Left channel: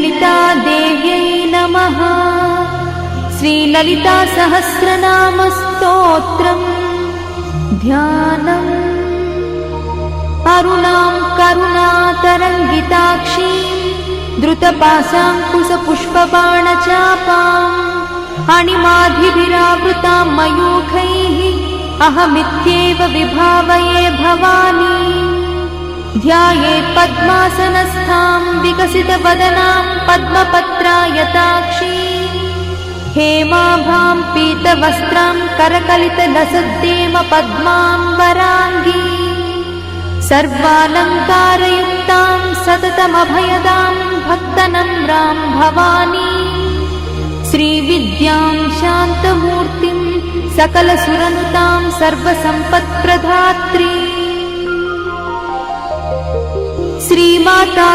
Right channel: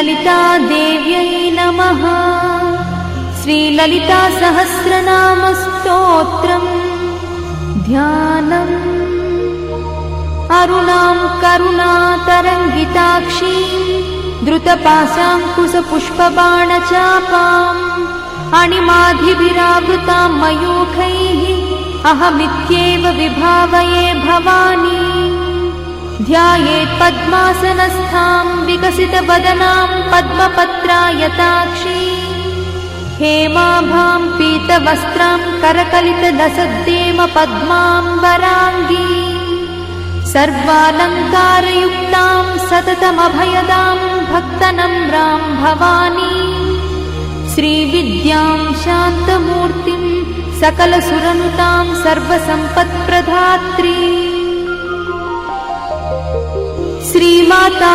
श्रीललितादेव्यै नमः। श्रीललितासहस्रनामस्तोत्रम् ध्यानम्। अरुणां करुणातरङ्गिताक्षीं द्रुतपाशाङ्कुशपुष्पबाणचापाम् अणिमाधिविरावृतां मयूखैः अहमित्येव विभावये भवानी। ध्यायेत् पद्मासनस्थां विकसितवदनां पद्मपत्रायताक्षीं हेमाभां पीतवस्त्रां करकलितलसद्देव पद्माम्बराङ्गी सर्वालङ्कारयुक्तां सततमभयदां भक्तनम्रां भवानी। श्रीविद्यां शान्तमूर्तिं सकलसुरन्तां सर्वसम्पत्प्रदात्री श्रीमाता